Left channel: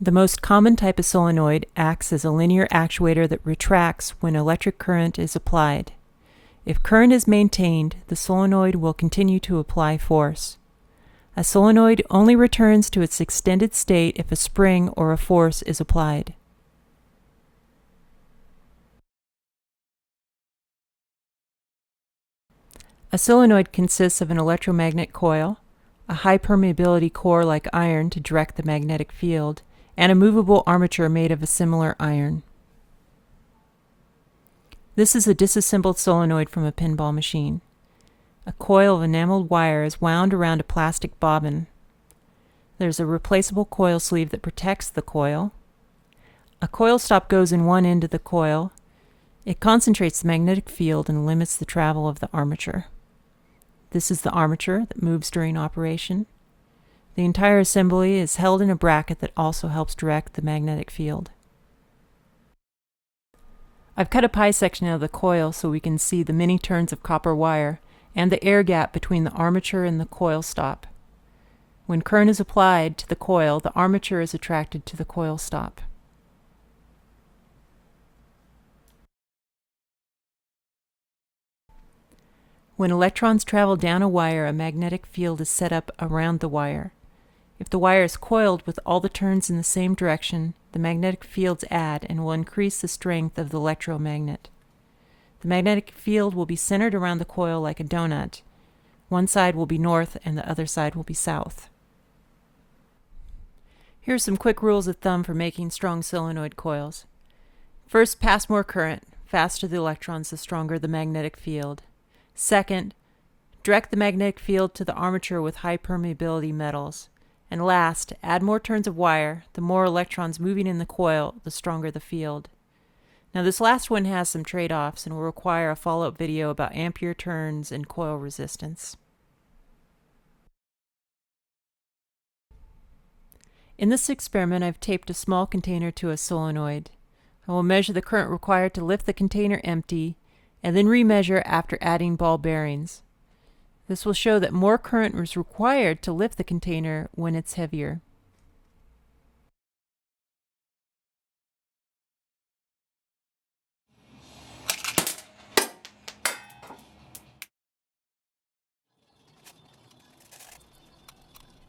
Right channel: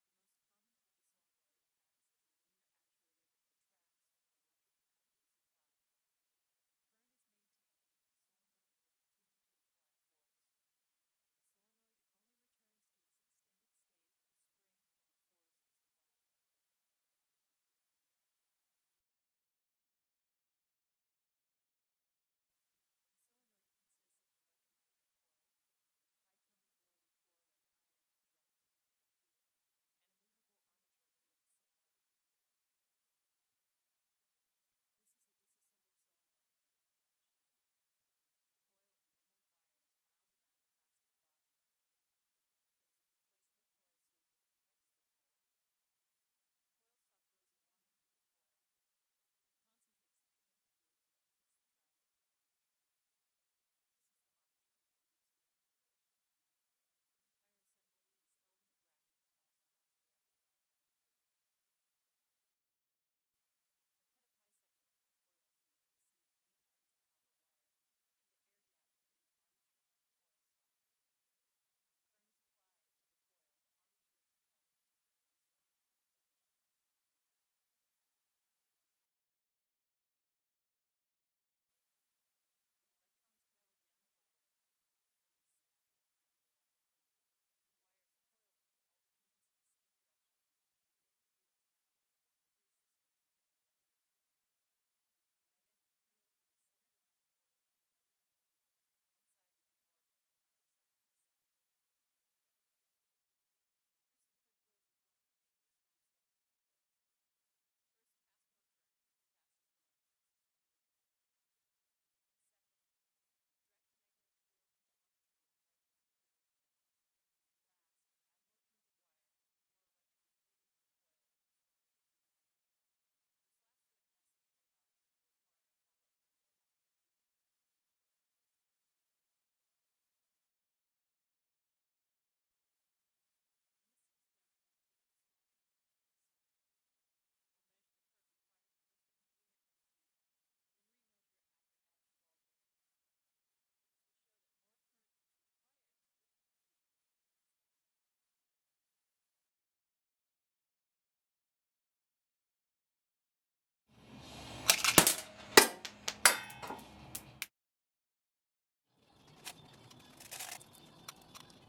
The most common type of solenoid acts as a linear actuator that retracts when electric current is applied. If current is maintained, the solenoid will continue to apply force. A solenoid only returns to its extended state if a spring or a force is applied. A solenoid consists of an electromagnet coil, a high permeability core like iron to direct the magnetic field, and a movable armature made of a similar iron. This is a disassembled solenoid from a pinball machine. A coil of enameled wire is wound around a plastic bobbin. There's a replaceable coil sleeve that protects the coil. A coil stop goes in one end of the coil. It concentrates the magnetic field and limits the travel of the armature. This is the armature that moves during operation. The entire assembly is held in a bracket that also helps direct the magnetic field. I've cut a pie section out of the coil so we can see the many turns of copper wire and the air gap between the armature and the coil stop. When current is applied to the coil, the armature is attracted to the coil stop. When electrons travel down a wire, a magnetic field is set up around the wire. If the wire is coiled with all the turns in the same direction, the magnetic fields add and will increase the strength of the electromagnet. The magnetic field will be centered around the coil like a donut. One side will be north and the other side will be south. Here are some quick rules of thumb for making strong solenoid coils. First, pass more current. Faster the electrons, the stronger the magnetic field. Second, direct the magnetic field to the armature with high permeability metals. And last, add more turns of wire. The more electrons moving in the coil, the stronger the field. Now this last one has some trade-offs and will require a follow-up video about ampere turns and coil resistance. In this experiment, I've taped a small container to a solenoid. I will measure the current required to lift the container empty and then remeasure after adding ball bearings. This will show that more current is required to lift the container when it's heavier.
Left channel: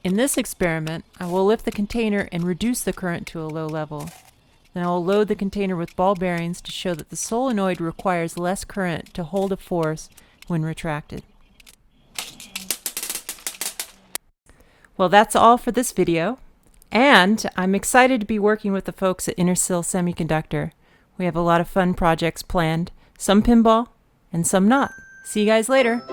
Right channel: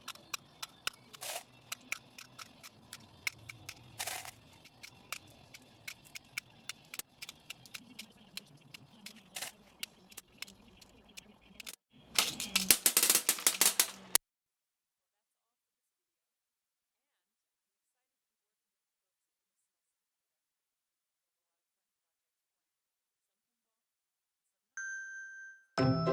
In this experiment, I will lift the container and reduce the current to a low level. Then I will load the container with ball bearings to show that the solenoid requires less current to hold a force when retracted. Well, that's all for this video, and I'm excited to be working with the folks at Intersil Semiconductor. We have a lot of fun projects planned, some pinball and some not. See you guys later.